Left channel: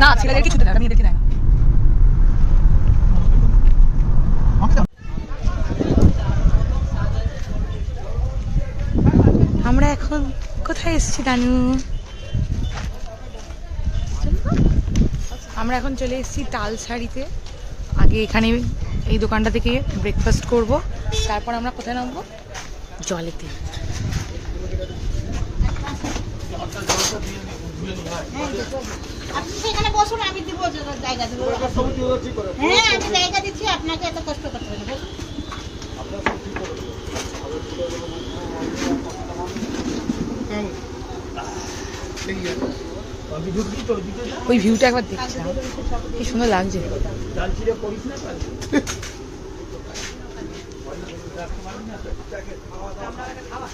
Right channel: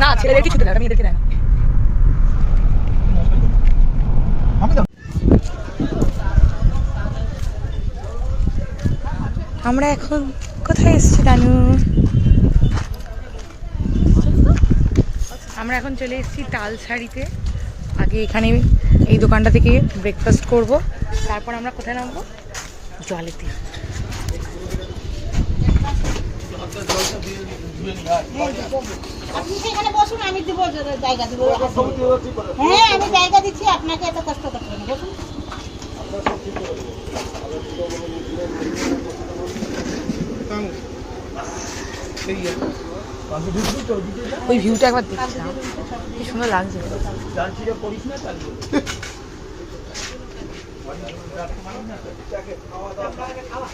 না ছেলেদের কিছু দেয় না, মেয়েদেরকে দেয় না। আমরা এখন কোথায় এসেছি দানু? আমরা এখন চলে এসেছি তালসারিতে। আগে এখানে এই দোকানটা থেকে ব্রেকফাস্ট করব, তারপর আমরা কোথায় নামবো? জলেতে। এখানে বসুন, আমি দিব জায়গা দিব। হ্যাঁ আমি জায়গা দিচ্ছি, আপনাকে এত কষ্ট করতে হবে না। ওই ভিউটা একবার দেখছি, কি সুন্দর লাগছে।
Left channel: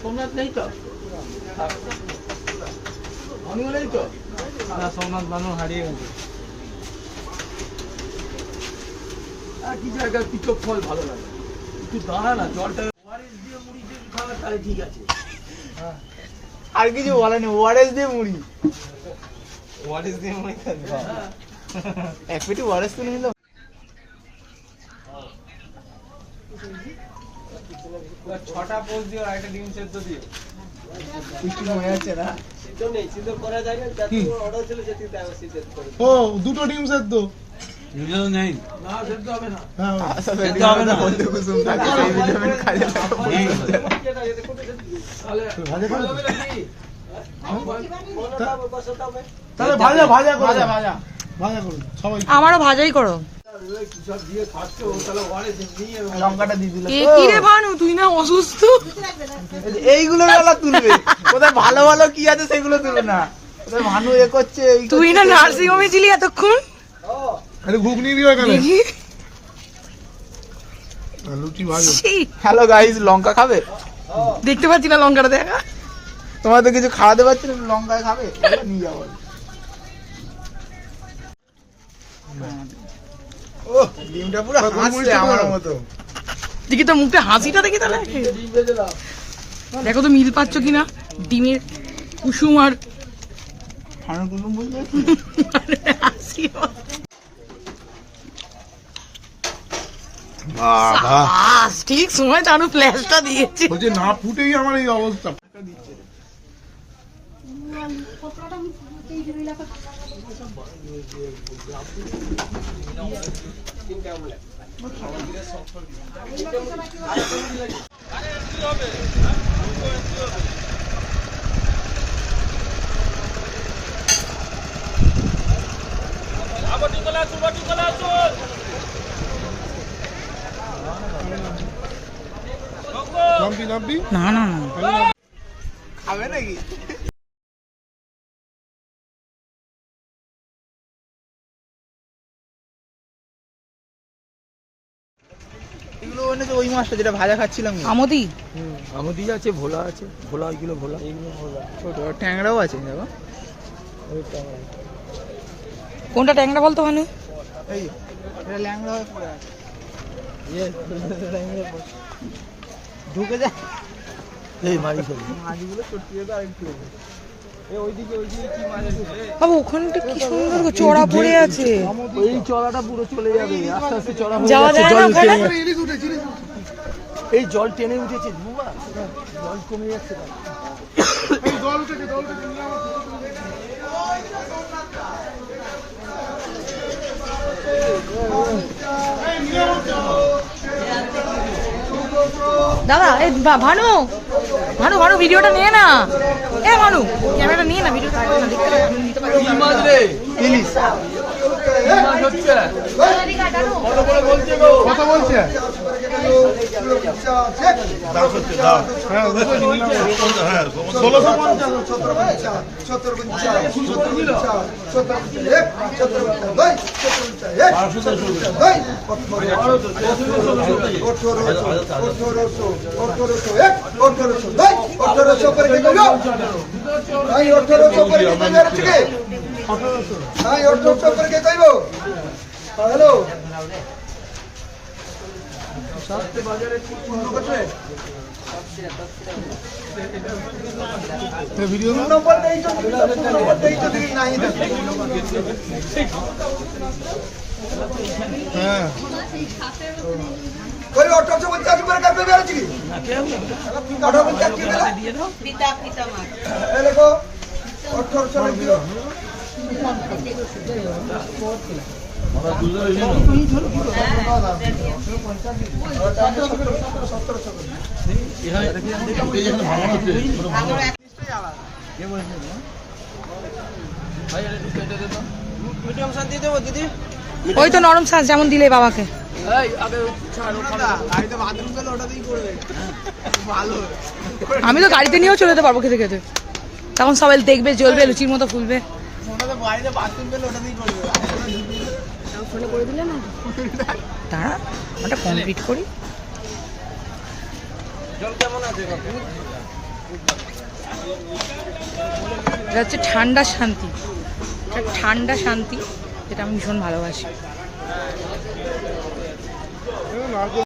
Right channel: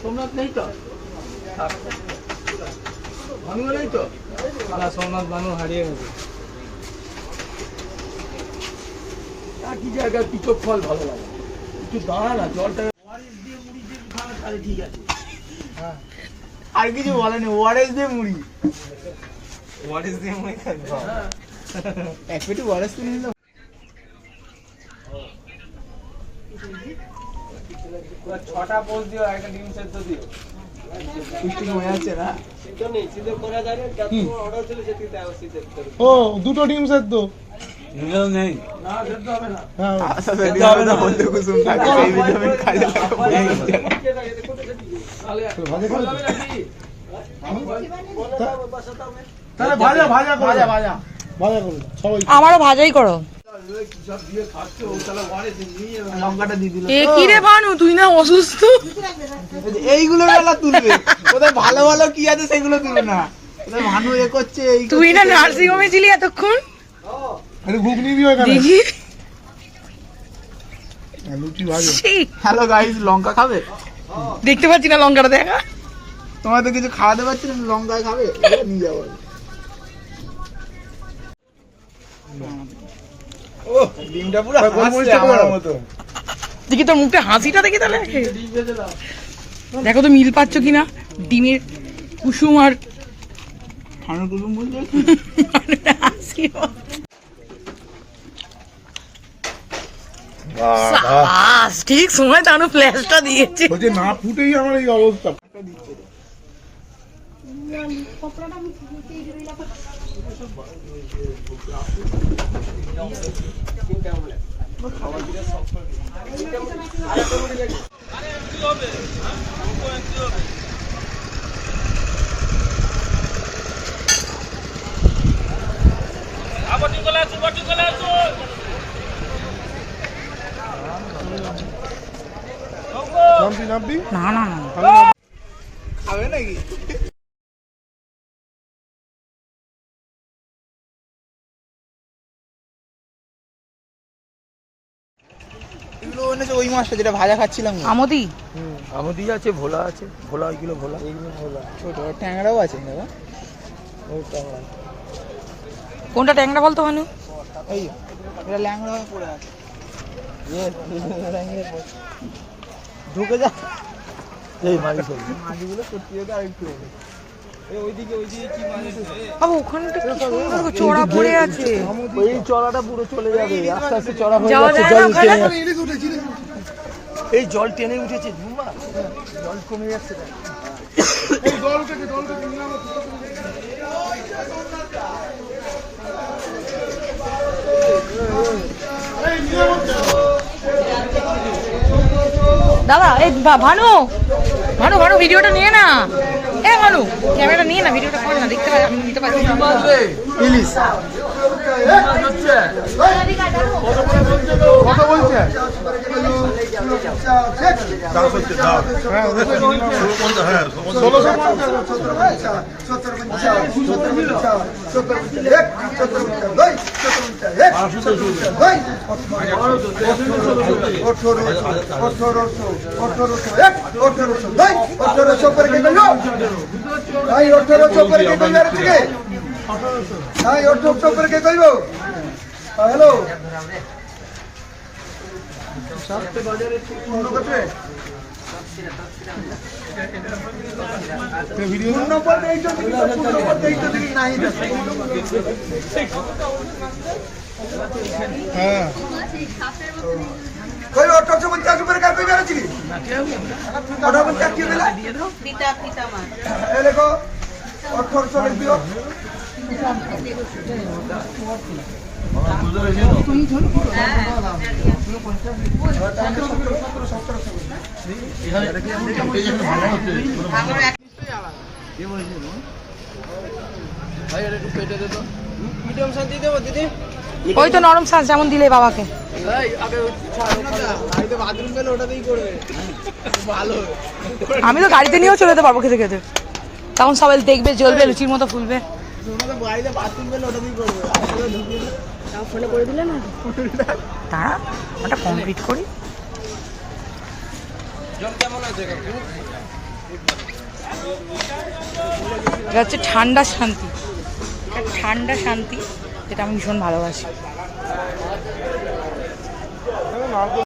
সোমনাথ নেই তো, ভানু নেই তো, না সোমনাথ ভানু হারিয়ে গেছে। কি জায়গায় পিকপ ফল ভালো লাগে, একটু দাঁড়া না, জলটা ওয়ারেস দিয়ে মুড়ি দিয়ে খাওয়া তাহলে ঠিক আছে। আর কিছু বলেনি, ওয়ারেস দিয়ে মুড়ি, ওয়ারেস দিয়ে মুড়ি খাবি, এক পেটি ওয়ারেস কিনে নিলাম। ছটা পোস্ট দিও, একটা ডিম সেদ্ধ দিও। মনে হচ্ছে না ও দুটো ডিম সেদ্ধ নেই, না সেদ্ধ হবে না, বলতে কুসুম থাকে সেই ভিটামিন কাজে লাগে। তাহলে ভাজা ভাজা ভাজা ভাজা ভাজা করো সবাই। আমারও ভাজাই করো। লঙ্কাটা দিয়ে দিল। এ কি রে ভানু, তুই না অসুস্থ? এইগুলো বেলা তুলবে, কোথায় ভালো ভালো কি আছে সেগুলো তুলবে না। কোথায় ভানু এ করছে, তুই না নার্সিং হোমে ছিলি এতক্ষণ। ঘুগনি দিও এখানে, দেখি লুচি ভাজো। হ্যালো গাইস, লঙ্কা খাবে? দেখতে পাচ্ছি না লঙ্কাটা, দেখা। তোমাদের কিছু খাওয়াতে পারছি না, লঙ্কা খাবে? নিয়ে যাবো। ও ডিমটা পুরো হাসছে আমার মতো। দেখি তোর মুখটা হাসিটা দেখি তাহলে, দেখো তো মিল পাচ্ছ কিনা ডিমের কুসুম আর ফানুর কুসুম বলছে। হাসি। ঠিক সময় তানু ফ্ল্যাশটা দিয়েছে। বলছে না ফুটেই আমার এই অবস্থা। নামবি নামবি না না না, খাবে নাকি? এগুলো এনেছে ওই মাছটা যেটা ভাজা খাচ্ছিলাম। আমদি আমদি আছে, ভোলা আছে, ভোলা এগুলো ভোলা, এইগুলো ভোলা। ছোট ট্যাংরাও আছে দেখো। ওই ট্যাংরা, কোনটা ট্যাংরা বলতো মানে? এই এটা ল্যাংড়া হয়ে পড়ে আছে। ঢুকে যা, এই মারি ফেলি। মাছগুলো সত্যি আর একটু ওইদিকে কি মাছ আছে? বাবু ওখানটা কি সুন্দর চড়া পড়ে আছে। ওই চড়াটা পুরো চলে যাবে, আস্তে আস্তে চড়া হয়ে যাওয়া যাচ্ছে, যায় না জল ওখানে? টেনে, এই জল টেনে উঠেছে, ধুমা জল কমে যাচ্ছে। এই জল উঠেছে জল উঠেছে নিয়ে আমার দাদা এই ভানু ভানু ভানু ভিডিওটা নিয়ে না। এ ভানু ক্যামেরাটা নিয়ে না, ভিডিওটা করে না, দেখতে পাই আমি নিতে পারি। ইলিশ কথা বলছে দাও করতে দাও হ্যাঁ 1800 করে কে কইলো ভাই 1800 করে কে কইলো আজকে ভাই 1800 করে কে কইবো হ্যালো সাতটি বাজারে ঠিক মনে করতে ভিডিও নম্বর দেই তো নম্বর দেই তো দেখি নাই হ্যাঁ कोई ऑटो से बच्चा के पर कर पे जा रही थी ना क्या हुआ ऑटो बच्चा क्यों मिला পিতা পিতা মা ये देखो 1800 लिख दियो ওই তো নরম শ্বাস যেমন দিলে বাবাকে। আমি তো গাড়িতে নিয়েও চলে যেতে পারবো খেতে খেতে, তখন সবাই দেখবে জ্বলবে লুচির মতো ফুলবে। ফোনে করে দিলে না তারা ওটা কমপ্লিট করি। এটা হচ্ছে ঠান্ডা শান্তি, ঠান্ডা শান্তি, যেটা আমি ভীষণ ভালোবাসি।